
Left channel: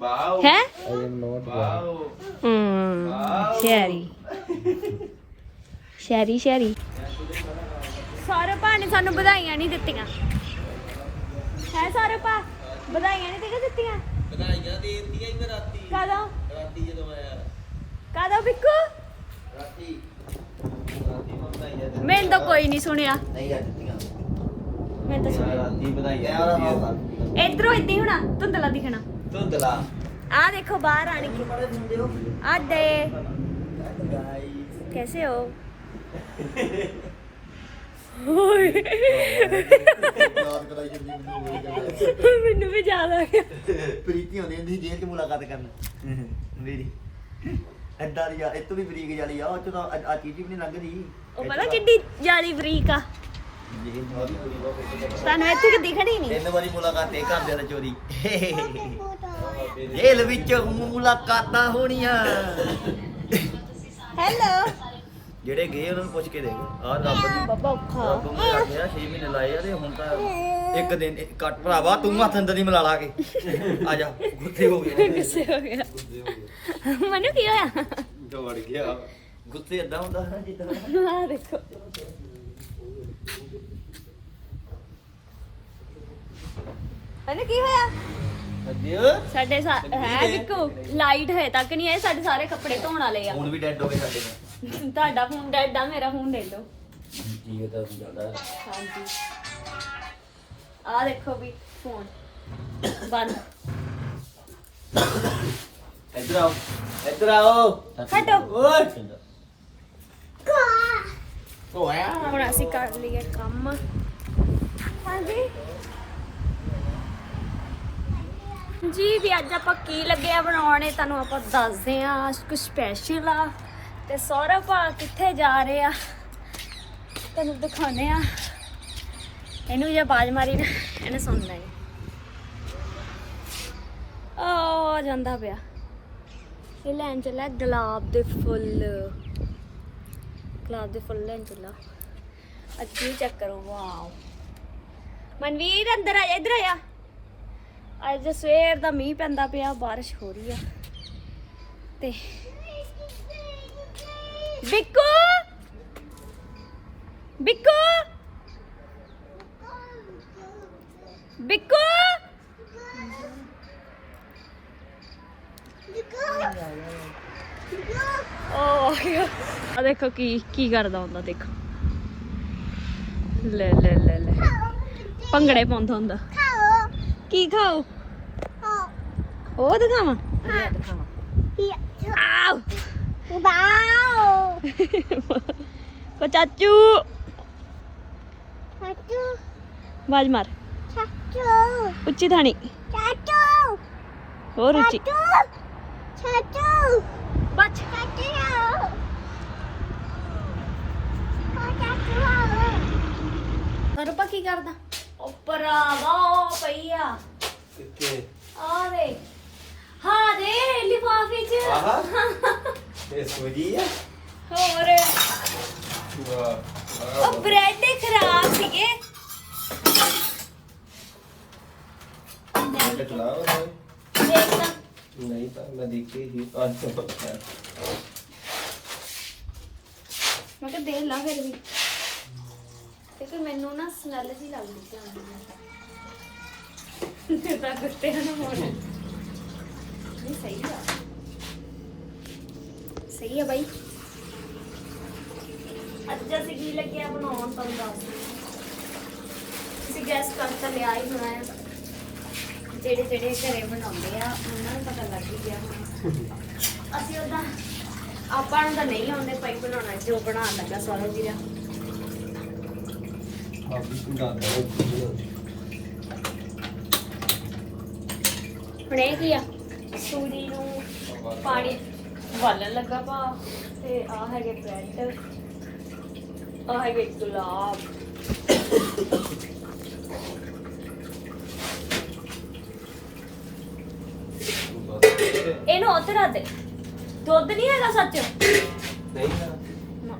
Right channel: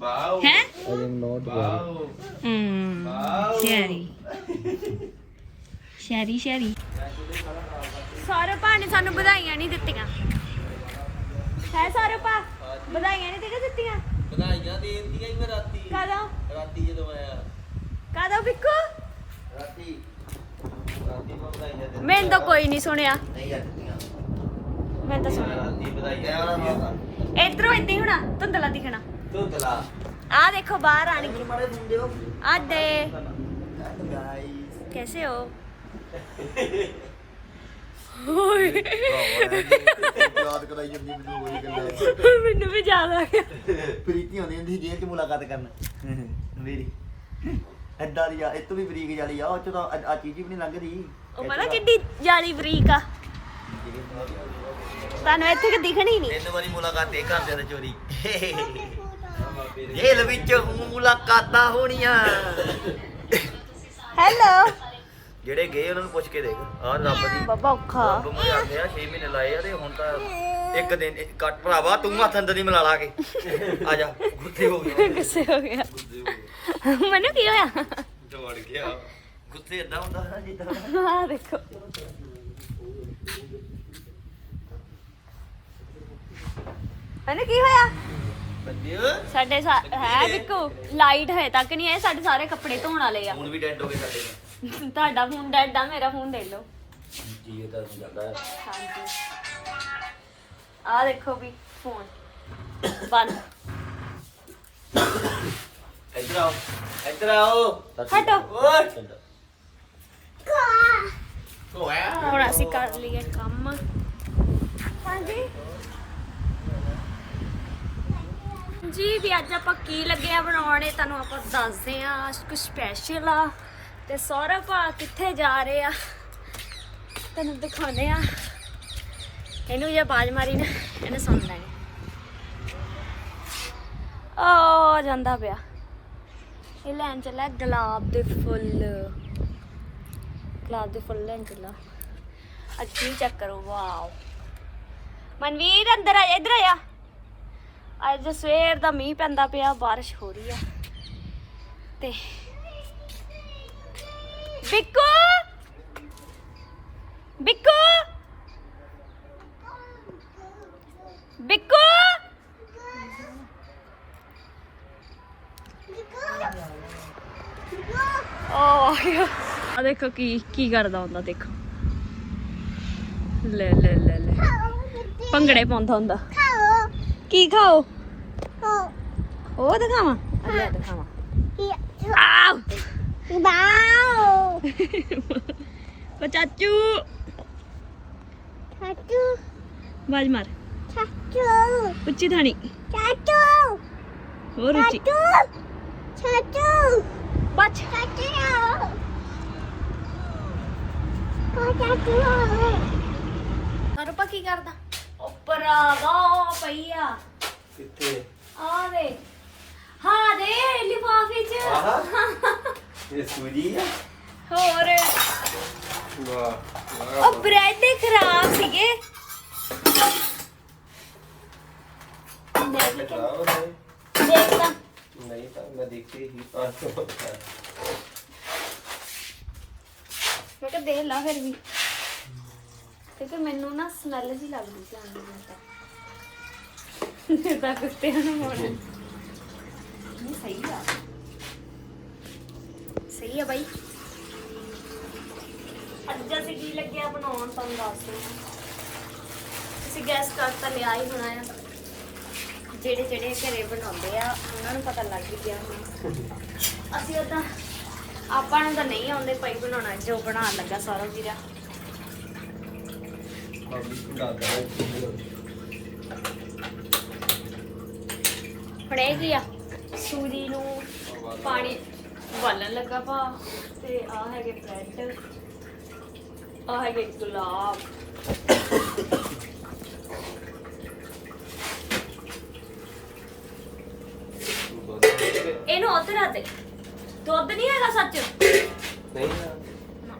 ਨਾਟ ਹੈ? I am not Sherry. Sherry Sherry. ਸਾਰੇ ਭਾ ਨੇ ਸਾਨੂੰ ਵਧਾਈਆਂ ਨਹੀਂ ਦਿੱਤੀਆਂ। ਹੈ ਸਾਰੇ ਭਾ? ਵਧਾਈਆਂ ਨਹੀਂ ਦੇ ਦਿੱਤੀਆਂ? ਵਧਾਈਆਂ ਦੇ ਦਿੱਤੀਆਂ ਹੀ ਮੈਂ ਰਾਤੀ। ਕਦੋਂ? ਰਾਤੀ ਜਦੋਂ ਆਇਆ। ਕਦੋਂ ਬਿੱਕੂ? ਰਾਤੀ। ਦੇ ਮੈਨੂੰ ਤਾਂ ਕੋਈ ਨਹੀਂ ਸੁਣਿਆ। ਨਹੀਂ ਮੈਨੂੰ ਤਾਂ ਸੁਣਿਆ। ਆ ਇਧਰੋਂ ਇੱਦਾਂ ਹੀ ਧੁੰਦਲਾ ਦਿਖਣਾ। ਧੁੰਦਲਾ। ਆ ਦੇਖੋ ਬਾਹਰ ਆਣ। ਕੇ ਕੈਸੇ ਹੋ? ਮੈਨੂੰ ਵੀ ਜ਼ਿਆਦਾ। ਪ੍ਰੀਤੀ ਹੁੰਦੀ ਹੁੰਦੀ ਸੀ ਜੇਲ੍ਹ ਮੁਲਾਕਾਤ ਕਰਨ। ਮੇਰੀ। ਐਡਾ ਦੀ ਇਹ ਤੋਂ ਵੀ ਬਰੀਕ ਜਾਲੀ ਆ ਉਹ ਚ ਤਾਂ ਆ ਚੀਜ਼ ਵੀ ਨਹੀਂ ਲੰਘਦੀ। ਉਹ ਪਤਾ ਕਿੱਡੀ ਜਾਲੀ ਬਰੀਕ ਆ। ਤੁਹਾਨੂੰ ਇੱਥੇ ਕਿ ਦਿਖਣੀ ਨਹੀਂ। ਤਿੰਨ ਵਾਰੀ ਮੁਲਾਕਾਤ ਇਹ ਕਰਦੇ ਨੇ ਚੋਰੀ। ਜੇਲ੍ਹ ਵਿੱਚ ਮੁਲਾਕਾਤਾਂ ਹੋਣੀਆਂ। ਹੈਲੋ ਜਿਹੜੇ ਗਏ ਉਹਨਾਂ ਨੂੰ ਪੁੱਛ ਕੇ ਦੇਖ। ਆਹ ਰੱਬ ਦੀ ਬਾਬਾ ਔਖਾ। ਰੱਬ ਨੂੰ ਆਖੇ ਆ 6 ਮਹੀਨੇ ਲਾਏ ਆ ਤੇ ਹੁਣ ਤਾਂ ਇੱਕ ਦਿਨ ਕੱਟ ਭਰਾਵਾ ਤੂੰ ਹੱਥ ਅੰਦਰ ਨਹੀਂ ਮਿਲਾ ਲਾ ਕੇ। ਆ ਜਾ ਗੁੱਸੇ ਹੋ ਗਿਆ। ਗੁੱਸੇ ਹੋ ਗਿਆ। ਮੈਨੂੰ ਕੀ ਹੋਇਆ? ਦੌੜ ਗਿਆ। ਗੁੱਸੇ ਏਦਾਂ ਹੁੰਦਾ ਨਾ ਜਿੱਦਾਂ ਆ ਦੇਖੋ। ਮੈਨੂੰ ਕੀ ਹੋਇਆ? ਵੱਜਿਓ ਸਾਡੇ ਹੈ ਬਿੱਕੂ ਲਾਈਟ ਹੈ ਤੱਕ ਨਹੀਂ ਹੈ ਸਾਡੇ ਸਾਰੇ ਕੱਪੜੇ ਧੋਣ ਵਾਲੇ ਆ। ਹੁਣ ਵੀ ਡੈਡ ਹੋ ਗਏ ਸਾਡੇ ਤੁਹਾਡਾ ਫੋਨ ਡੈਡ ਆ ਮੇਰਾ ਫੋਨ ਦੇ ਲਓ ਜੀ ਇਹ ਤਾਂ ਚੱਲਦਾ ਹੈ। ਹਾਂਜੀ। ਆ ਦੇਖੋ ਵੀ ਫੋਨ ਬੰਦ। ਇੱਧਰ ਆਓ ਇੱਧਰ ਆਓ। ਹਟੋ। ਓਏ। ਓਏ ਹੁਣ ਅਸੀਂ ਕਰ ਲਈਏ ਕੰਮ। ਹਾਂਜੀ। ਜੀ ਦੀ ਅੱਜ ਆਪਾਂ ਕੀ ਲੱਗੇ ਆ ਬਣਾਉਣੇ ਤੁਹਾਨੂੰ ਆਪਾਂ ਦੱਸਦੇ ਆ ਕੁਝ ਸਪੈਸ਼ਲ ਆ। ਤੇ ਸੌਰਵ ਆ ਕਿੱਥੇ ਜਾ ਰਹੇ ਆ? ਤੈਨੂੰ ਦਿਖਾਉਣੇ ਆ। ਇਹਨੂੰ ਜੇ ਆਵਾਜ਼ ਮਾਰੀ ਨਾ ਇਹਨੇ ਸੁਣਨਾ ਨਹੀਂ ਆ ਜਾਂਦਾ ਪਿਆ। ਇਹ ਲੈਣ ਚੱਲਾ ਗੁਲਾਬ ਦੇ ਫੁੱਲ। ਗੁਲਾਬ ਦੇ ਫੁੱਲ ਲੈਣ ਚੱਲਾ। ਅੱਗੇ ਚੈੱਕ ਕਰੋ? ਵਾਓ ਮਨਵੀਰ ਅੰਦਰ ਆ ਜਾ, ਇੱਧਰ ਆ ਅੱਜ ਸਵੇਰ ਦਾ ਮੀਂਹ ਪੈਂਦਾ ਪਿਆ ਬਾਰਿਸ਼ ਹੋ ਰਹੀ ਆ। ਤੇ ਬਿੱਕੂ ਬਿੱਕੂ ਬਿੱਕੂ ਓ ਆ ਦੇਖੋ ਕੀ ਕੀ ਕਰਦਾ ਹੁੰਦਾ ਦੇਖੋ। ਲੈ ਲੈ ਲੈ ਲੈ। ਭੰਗੜੇ ਪਾਉਂਦਾ ਹੁੰਦਾ। ਕੀ ਖਾਓ? ਉਹ ਦਿਖਾਵਾਂ। ਆ ਲੈ ਦਿਖਾਵਾਂ। ਆਓ ਕੋ ਚਾਚੂ ਬਾਜ ਮਾਰ ਉੱਚੀ ਥਾਣੀ ਹੋਰ ਉੱਚੀ ਬੱਚ ਸਰਪਾ ਕੀ ਕਰਦਾ ਉੱਪਰ ਆ ਗਾ ਪਈ ਆ ਕਿੱਥੇ ਆ ਦੇ ਹਾਂ ਦੇ ਲਿਫਾਫੇ ਚ ਇਹ ਸੋਰੀ ਆ ਹੋਰ? ਵਾਹ। ਉਹ ਬ੍ਰੈਡ ਖਰਾਬ ਸੀਗੇ। ਦੇਖ ਤਾਂ। ਨਹੀਂ ਤਾਂ ਮੈਂ ਦੇਖੀ ਹੀ ਪੰਜ ਸੌ ਪੱਕਾ। ਮੈਂ ਕਿਹਾ ਦੇ ਲਾ ਫਿਰ ਵੀ। ਤੇ ਫਿਰ ਮੈਨੂੰ ਨਾ ਸਮੈਲ ਜੀ ਲੱਗਦੀ ਸੀ ਆਂਦੀ ਨੂੰ ਤਾਂ। ਤਾਂ ਕੁੱਤੇ ਨੂੰ ਹੋਣਾ। ਨਹੀਂ ਸਹੀ ਆ। ਸਹੀ ਆ ਬਾਈ। ਅੱਜ ਅਸੀਂ ਕੀ ਲੱਗਿਆ ਬਣਾਉਣ ਤੁਹਾਨੂੰ ਦੱਸ ਅਸੀਂ ਗੈਸ ਕਰ ਤਾਂ ਲਿਆ ਹੀ ਹੋਣਾ ਆ। ਜਿਹੜੇ ਜਿਹੜੇ ਘਰੇ ਬਣਾਉਂਦੇ ਆ ਉਹਨਾਂ ਨੂੰ ਪਤਾ ਲੱਗ ਹੀ ਗਿਆ ਹੋਣਾ। ਅਸੀਂ ਉਦਾਂ ਆਪਾਂ ਨੂੰ ਤਾਂ ਨਹੀਂ ਆਉਂਦੇ ਭਾਈ ਬਣਾਉਣਾ ਜੋ ਬਣਾਉਣ ਲੱਗਾ ਸਾਰਾ ਵੀਰਾ ਆਪ ਵੀ ਸੁਣਾ ਦੇ ਹੁਣ ਇਹ ਕੀ ਆ? ਸੂਜੀ ਨੂੰ ਪਾਣੀ ਵਾਲਣ ਲੱਗਾ ਪਾ ਤੇ ਆ ਹੈਗੇ ਬ੍ਰੈਡ। ਆ ਹੈਗੇ ਗੁਲਾਬ ਇਹਨੂੰ ਉੱਥੇ ਰੱਖ ਦੇ। ਦੁੱਧ ਨਹੀਂ ਹੈਗਾ ਸੱਚ? ਨਹੀਂ ਨਾ।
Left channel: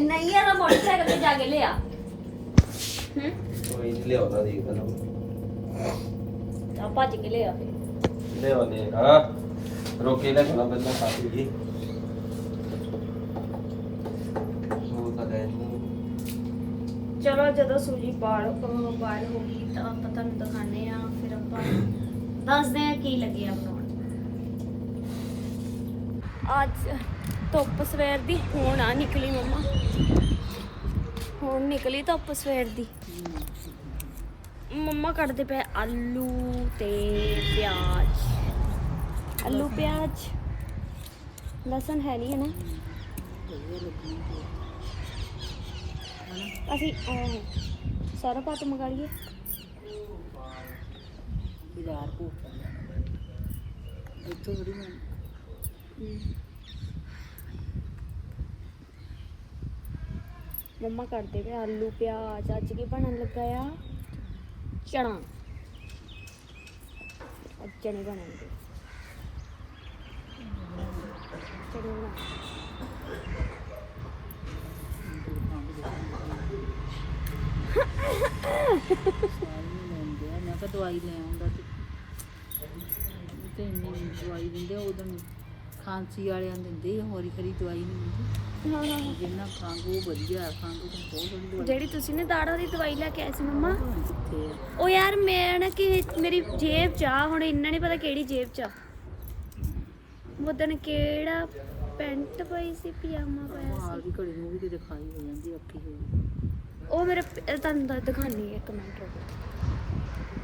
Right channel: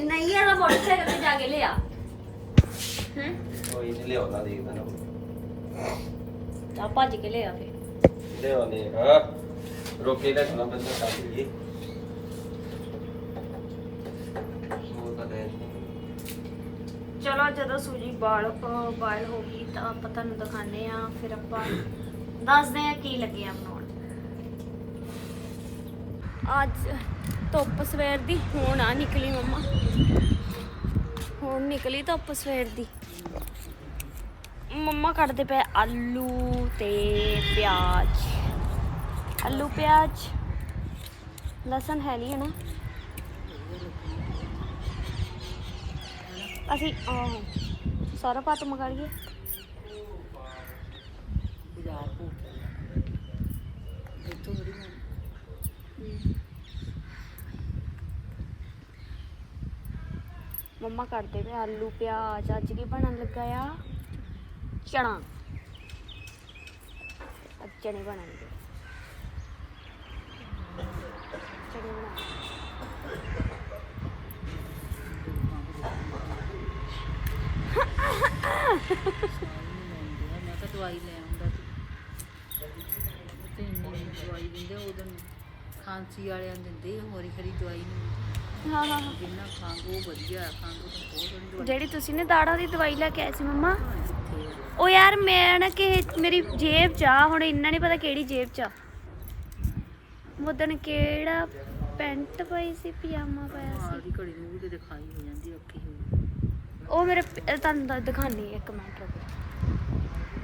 ਨਹੀਂ ਯਾਰ ਮੋਟਰਸਾਈਕਲ ਤੇ ਜਾ ਕੇ ਲਿਆ। ਹੂੰ? ਕੋਈ ਲਿਆਉਂਦਾ ਦੇ ਤੈਨੂੰ। ਆ ਭੱਜ ਕੇ ਲਿਆ ਫਿਰ। ਲਿਆਵਾ ਦੇ ਹਾਂ ਰੋਕੇ ਲੈ ਸੁਣਾ ਪਹਿਲਾਂ ਕੱਟ ਲਈਏ ਚਲੋ ਜਦੋਂ ਸੂਜੀ ਬਾਲ ਬਾਇਲ ਹੋ ਗਈ ਤਾਂ ਆਪਾਂ ਤੁਹਾਨੂੰ ਦਿਖਾਣੇ ਆ ਫਿਰ ਆਪਾਂ ਦੱਸਦੇ ਆ ਕੀ ਲੱਗਿਆ ਬਣਾਉਣ। ਅੱਜ ਧੁੱਪ ਸਵੇਰ ਦੀ, ਹੁਣ ਆ ਨਿਕਲੀ ਮੰਮਾ। ਹੁਣ ਨਿਕਲੀ ਧੁੱਪ ਸਵੇਰ ਦੀ। ਮੰਮਾ ਕੱਟਦੇ ਪਏ ਆਲੂ ਤੇ ਪਿਆਜ਼। ਆਲੂ ਪਿਆਜ਼ ਲਸਣ ਹੈ ਨਹੀਂ ਹੈ ਨਾ। ਅਸੀਂ ਆਹੋ ਸਾਰਾ ਪਾਤ ਮੰਗਾ ਲਈਏ। ਬਾਜ਼ਾਰ ਭੋਗ ਇੱਥੋਂ ਬੜੀ ਮੈਂ ਮੰਮਾ ਕਰਦੇ ਪਏ ਆਲੂ ਪਿਆਜ਼ ਅੱਜ ਕੀ ਬਣਨ ਲੱਗਾ ਆ? ਚਣਾ ਅੱਜ ਚਣੇ ਬਣਨਗੇ। ਚਣੇ ਬਣਾ ਸਾਰੀ ਨੂੰ ਲਾਉਂਦੇ ਆ ਮੈਂ ਕਿਹਾ ਦਵਾਈ ਲੈ ਆਉਂਦਾ ਤੇ। ਉਹ ਤੇ ਇੰਨੀ ਦਵਾਈ ਦਿੰਦੇ ਉਦੋਂ ਖਾਂਸੀ ਵਾਲਿਆਂ ਨੂੰ ਦਿੰਦੇ ਹੋਰੀ ਖਰੀ ਦਵਾਈ ਨਹੀਂ ਮਿਲਦੀ ਹਾਂ ਹਾਂ ਹਾਂ। ਜਿੰਨਾ ਖੰਗ ਉਹ ਵਧੀਆ ਹੈ, ਖੰਗ ਤਾਂ ਬਹੁਤ ਥੋੜੀ ਦਵਾਈ। ਜਿਹੜੀ ਤੁਸੀਂ ਨੇ ਦਾੜਾ ਦੀ ਦਵਾਈ ਲੈ ਕੇ ਆਏ ਸੀ ਮੰਮਾ ਪਤਾ ਨੀ ਕਿੱਥੇ ਆ। ਉਹ ਯਾਰ ਮੈਂ ਨਾ ਕਿ ਮੇਰੀ ਜੇਬ ਚ ਆ ਹੁਣ ਇੰਨਾ ਨਹੀਂ ਪਤਾ ਕਿਹੜੀ ਜੇਬ ਚ ਆ। ਮੁੱਦਨ ਕਿਹੜਾ ਪੈਂਟ ਪਾਈ ਸੀ ਪਜਾਮਾ ਪਾਇਆ ਮਾਲ ਦੀ ਘੜੀ ਨੂੰ ਵੀ ਕਿਤੇ ਖਾਈ ਹੋ ਜਾਂਦੀ ਅੱਖੀ ਹੋ ਉਹ ਮੇਰੇ ਪ- ਅਹ ਤੁਹਾਨੂੰ ਦੱਸ ਦਿਖਾਣੀ ਇੱਕ ਮਿੰਟ ਰੁਕੋ।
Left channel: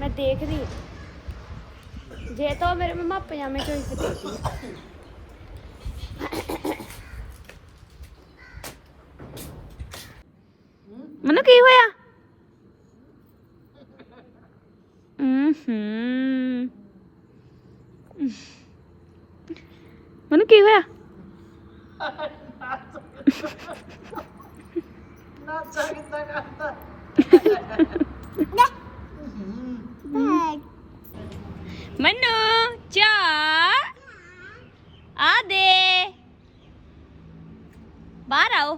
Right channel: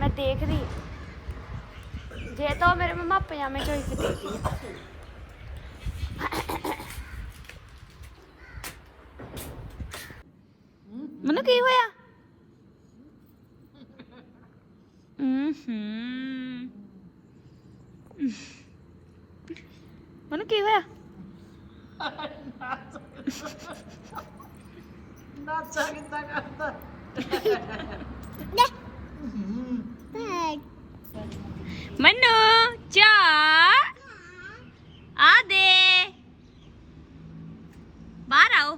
ਮੈਂ ਦੇਖਦੀ ਹਾਂ। ਜੇ ਤਾਂ ਉਹ ਮੇਰੇ ਮੰਮਾ ਪਜਾਮੇ ਚੋਂ ਹੀ ਦੇਖਦੀ ਮੈਨੂੰ ਕੀ ਹੋਇਆ? ਹੂੰ ਮੈਨੂੰ ਕੀ ਹੋਇਆ ਮਨੂ ਚਾ ਆ ਦੇ ਬਾਹਰ ਆਓ।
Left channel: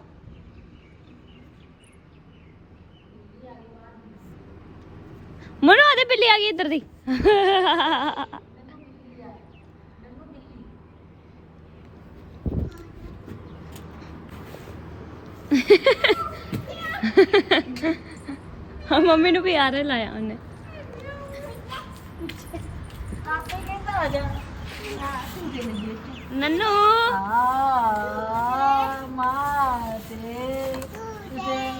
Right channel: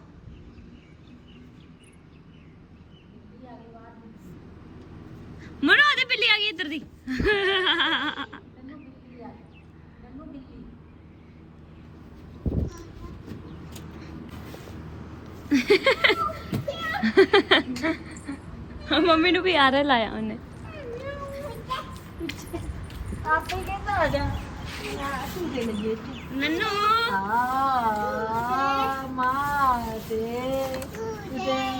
ਮਨੂ, ਆ ਬਿੱਲੀ ਆ ਗਈ ਇੱਧਰ ਦੀ। ਮੰਮੀ ਨੂੰ ਵੀ ਆ ਰਿਹਾ ਲਾਇਆ ਉਹਨੇ। ਆਪੇ ਕਹਿੰਦਾ ਆ ਜਾ। ਆ ਝੂਟੇ ਲੱਗੇ ਨੰਨੂ ਆ ਮਾਂ ਤੇ ਤੇ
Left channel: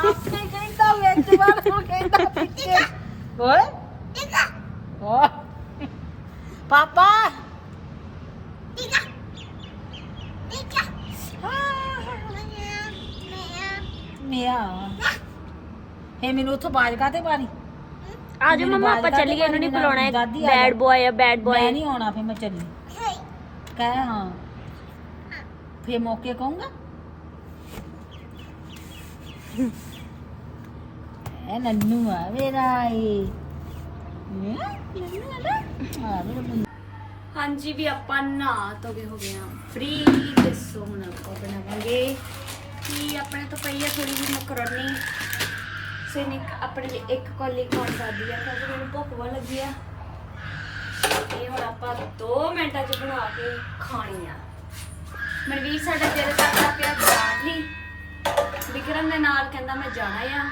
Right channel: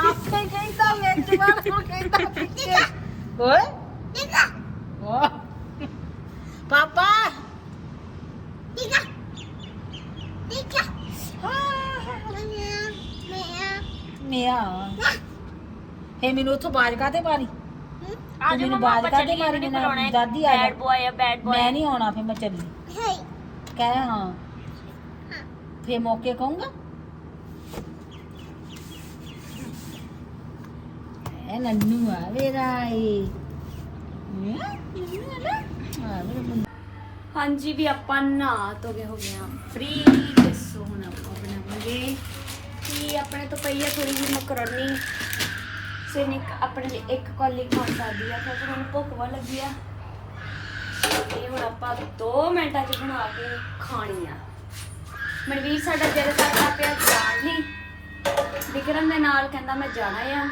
ਆਪੇ ਕਹਿੰਦਾ ਵਿੱਚ ਵੜ ਉਹ ਕਹਿੰਦਾ ਪਿੱਛੇ ਓਏ। ਓ ਪਾਪਾ। ਮੇਰਾ ਫੇ ਮੈਨੂੰ ਉੱਥੋਂ ਬਾਜ ਕਾਤੇ ਮਾਰੀ? ਆ ਜਾ ਮੈਨੂੰ ਮੰਮਾ ਬਾਹਰ ਆਪਾਂ ਕੱਢ ਚੱਲੀਏ ਨਹੀਂ ਬੁਲਾਉਣਾ ਦਾਦੀ ਆ ਜਾ। ਬੈਡ ਬॉय ਆ ਬੈਡ ਮੈਂ ਬॉय ਨਹੀਂ ਆਉਣਾ ਫੇ ਮੈਂ ਚੱਲੀ। ਕਹਿ ਹਾਂ। ਫੇ ਮੌਕੇ ਕਹੂੰਗਾ। ਇਹ ਨੰਨੂ ਆ ਮੇਰਾ ਇਹ ਹੈਂ? ਨੰਨੂ ਆ ਲੈ ਆ ਮੇਰਾ ਮੁੰਡਾ ਹਾਂਜੀ ਵੀ ਆਪਾਂ ਨਹਾ ਧੋ ਕੇ ਹੋ ਗਏ ਆ। ਫ੍ਰੀ ਤੇ ਸੋ ਹੁਣ ਆਪਾਂ ਬਣਾਵਾਂਗੇ। ਕੀ ਆਪਣੇ ਤੋਂ ਪਈ ਆ ਥੋੜੀ ਜਿਹੀ ਮਕਰੋਨੀ? ਸੈਨਿਕ ਆਪਣੇ ਲਈ ਇੱਕ ਕੌਲੀ ਖਾਣ ਕਰਦੀ ਆ, ਕਿਉਂਕਿ ਮੈਨੂੰ ਭੁੱਖ ਬਹੁਤ ਲੱਗੀ ਆ। ਇਹ ਹੁਣ ਆਪਾਂ 2 ਮਿੰਟਾਂ 'ਚ ਬਣਾ ਕੇ ਖਾਣੀ ਆ। ਮਨਵੀਰ ਸਾਡਾ ਜਿੱਦ ਕਰਦਾ ਪਿਆ ਜਾਣ ਲਈ ਵਿਕਰਮ ਦੇ ਨਾਲ ਕਹਿੰਦਾ ਮੈਂ ਜਾਣਾ ਆ।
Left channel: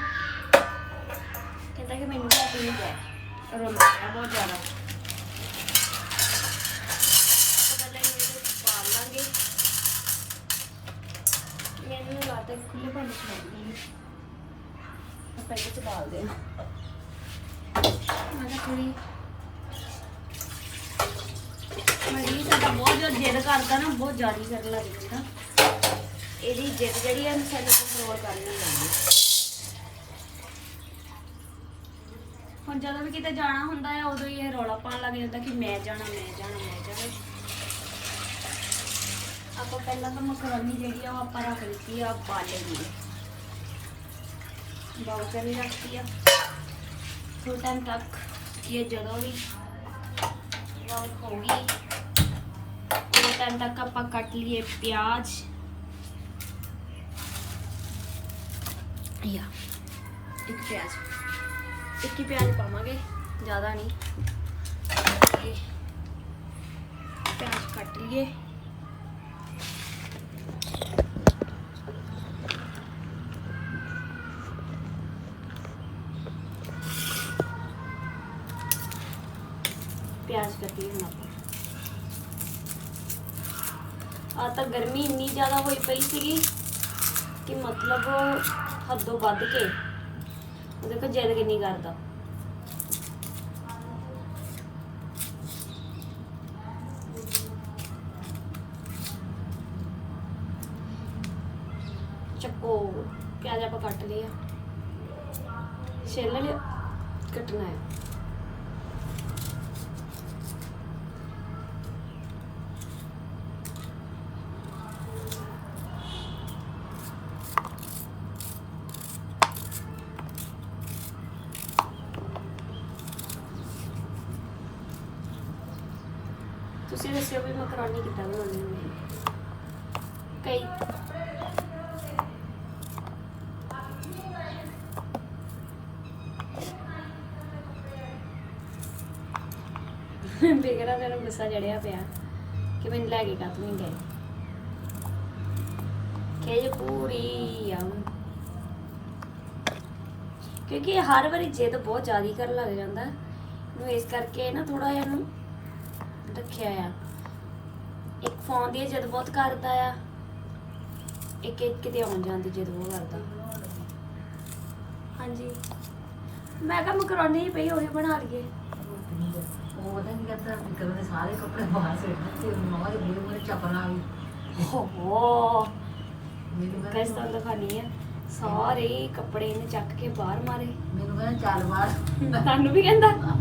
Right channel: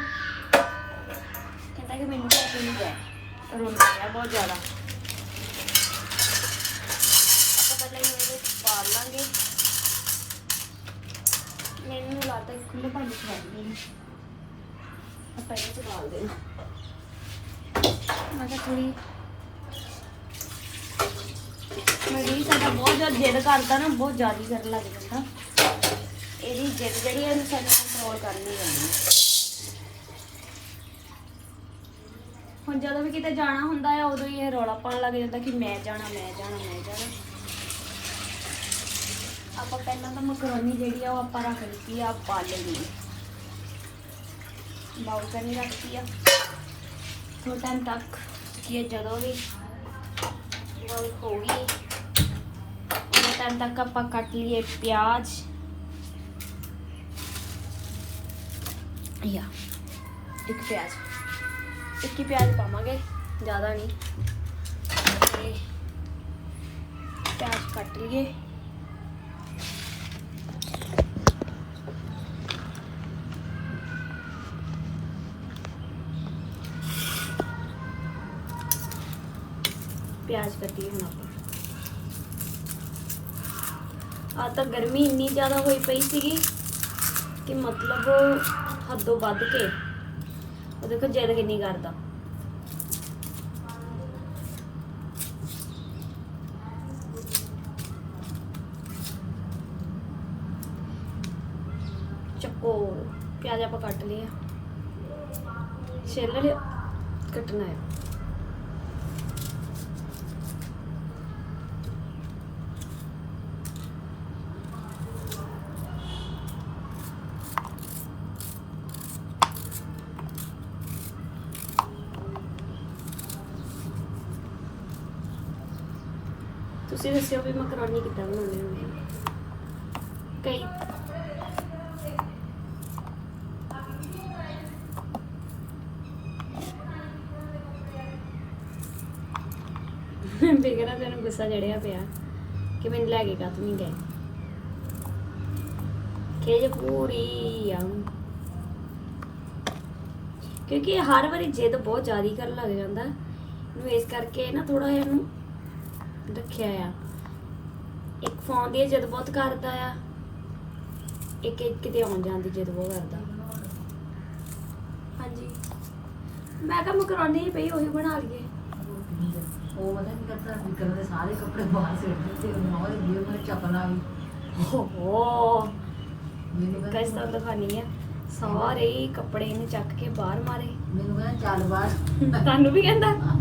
ਕਹਿੰਦਾ ਕਿ ਮੈਨੂੰ ਲੈ ਨਹੀਂ ਜਾ ਰੋਂਦਾ ਆ ਬਹੁਤ ਜ਼ਿਆਦਾ। ਆਪਾਂ ਪਹਿਲਾਂ ਹੀ ਇਹਦੇ ਚ ਲਾਂਗੇ। ਮੈਨੂੰ ਲੱਗਦਾ ਕਿ ਖੁੱਲੇ ਭਾਂਡੇ ਚ ਰੱਖਦੇ ਨੇ ਆਪਾਂ ਇਹਦੇ ਚ ਡਾਲਦੇ ਹਾਂ ਮੈਂ ਕਿਹਾ ਥੋੜੀ ਮੈਂ ਵੀ ਸਾਡਾ ਬਹੁਤ ਜ਼ਿਆਦਾ ਜਿੱਦ ਕਰਦਾ ਨਾ, ਬਹੁਤ ਜ਼ਿਆਦਾ ਕਰਨ ਲੱਗ ਜਾਂਦਾ ਇਹਦੀ ਜਿੱਦ ਜਿਹੜੀ ਹੈ ਸਾਨੂੰ ਕੰਟਰੋਲ ਕਰਨੀ ਪੈਂਦੀ ਹੁਣ ਜਦੋਂ ਵੀ ਕਿਤੇ ਜਾਣਾ ਹੁੰਦਾ ਹੈ ਉਦੋਂ ਹੀ ਇਹ ਰੌਲਾ ਪਾਉਣ ਲੱਗ ਜਾਂਦਾ ਕਿ ਮੈਂ ਜਾਣਾ ਮੈਂ ਜਾਣਾ ਮੈਂ ਜਾਣਾ। ਆਪਾਂ ਪਹਿਲਾਂ ਤਾਂ ਮਕਰੋਨੀ ਜਿਹੜੀ ਆ, ਉਹ ਆਪਾਂ ਰੱਖ ਦਿੱਤੀ ਆ ਬਾਲਣੀ ਬਾਉਲ ਚ ਨਹੀਂ ਰੱਖਤੀ ਆ। ਥੋੜਾ ਟਾਈਮ ਤੱਕ ਕਿ ਜਦੋਂ ਵੀ ਬਾਉਲ ਹੋ ਗਈ ਉਹਨਾਂ ਟਾਈਮ ਤੱਕ ਆਪਾਂ ਕੱਟ ਲਈਏ ਪਿਆਜ਼ ਯਾ ਇੱਕ ਪਿਆਜ਼ ਇੱਕ ਹੀ ਪਿਆਜ਼ ਪਾਵਾਂਗੇ ਜ਼ਿਆਦਾ ਨਹੀਂ ਤੇ ਪਿਆਜ਼ ਕੱਟੀ ਹੁਣ ਆਪਾਂ। ਆ ਤਾਂ ਗਰਮੀ ਇੰਨੀ ਜ਼ਿਆਦਾ ਹੋਈ ਪਈ ਸੀਗੀ ਕਿ ਮਤਲਬ ਹੱਦੋਂ ਵੱਧ ਕੇ। ਉਹ ਦੇਖੋ ਜਦ ਕਿੰਨੀ ਕਰਦਾ ਚੱਕੋ ਪਿਆਜ਼ ਆਪਾਂ ਕੱਟ ਲਿਆ ਛਿੱਲ ਲਿਆ ਕੱਟਣਾ ਹੈ ਤੁਸੀਂ ਦੱਸਿਓ ਵੀ ਮਕਰੋਨੀ ਕਿੱਦਾਂ ਬਣਾਉਂਦੇ ਹੁੰਦੇ ਕਈ। ਬਿਗੜਾ ਤੇ ਗੁੱਸਾ ਚੜਿਆ ਪਿਆ ਕਿ ਮੈਨੂੰ ਲੈ ਕੇ ਕੱਤ ਨਹੀਂ ਗਏ? ਖੇਜ ਪੂਰੀ ਆ। ਕਿਉਂਕਿ ਹਰ ਵਾਰੀ ਜਿੱਦ ਬਹੁਤ ਜ਼ਿਆਦਾ ਕਰਨ ਲੱਗ ਜਾਂਦਾ। ਨੂੰ ਇਸ ਕਰਕੇ ਨਾ ਥੋੜਾ ਜਿਹਾ ਨੂੰ ਰੱਖਿਆ ਆ। ਇੱਕ ਫੋਨ ਦੀ ਜਿੱਦ ਬਹੁਤ ਕਰਦਾ ਆ। ਇੱਕ ਇੱਕ ਕਿਤੇ ਆਉਣ ਜਾਣ ਦੀ ਜਿੱਦ ਬਹੁਤ ਕਰਦਾ। ਹਾਂਜੀ। ਮੈਂ ਕਿਹਾ ਮਕਰੋਨੀ ਹੀ ਪਈ ਉਹੀ ਬਣਾ ਲਈਏ। ਉਹ ਪਤਾ ਕਰਦਾ ਨਿਕਲ ਦੇ ਸਾਰੇ ਕੱਪੜੇ ਬਾਹਰ ਸਿੱਟ ਦਿੱਤੇ ਉਹ ਮੌਜ ਵੀ ਉਹ ਚੱਪਲਾਂ ਵੀ। ਹੋ ਹੋ ਮੈਨੂੰ ਗਾਇਸ ਤੁਹਾਨੂੰ ਦਿਖਾਣੀ ਆ। ਸਾਰੇ ਹੀ ਕੱਪੜੇ ਇਹਨੇ ਚੱਕ ਕੇ ਬਾਹਰ ਮਾਰੇ। ਮੈਨੂੰ ਕਹਿੰਦਾ ਚੱਲ ਬਾਹਰ। ਤੁਹਾਨੂੰ ਵੀ ਕਹਿੰਦਾ? ਆਹ,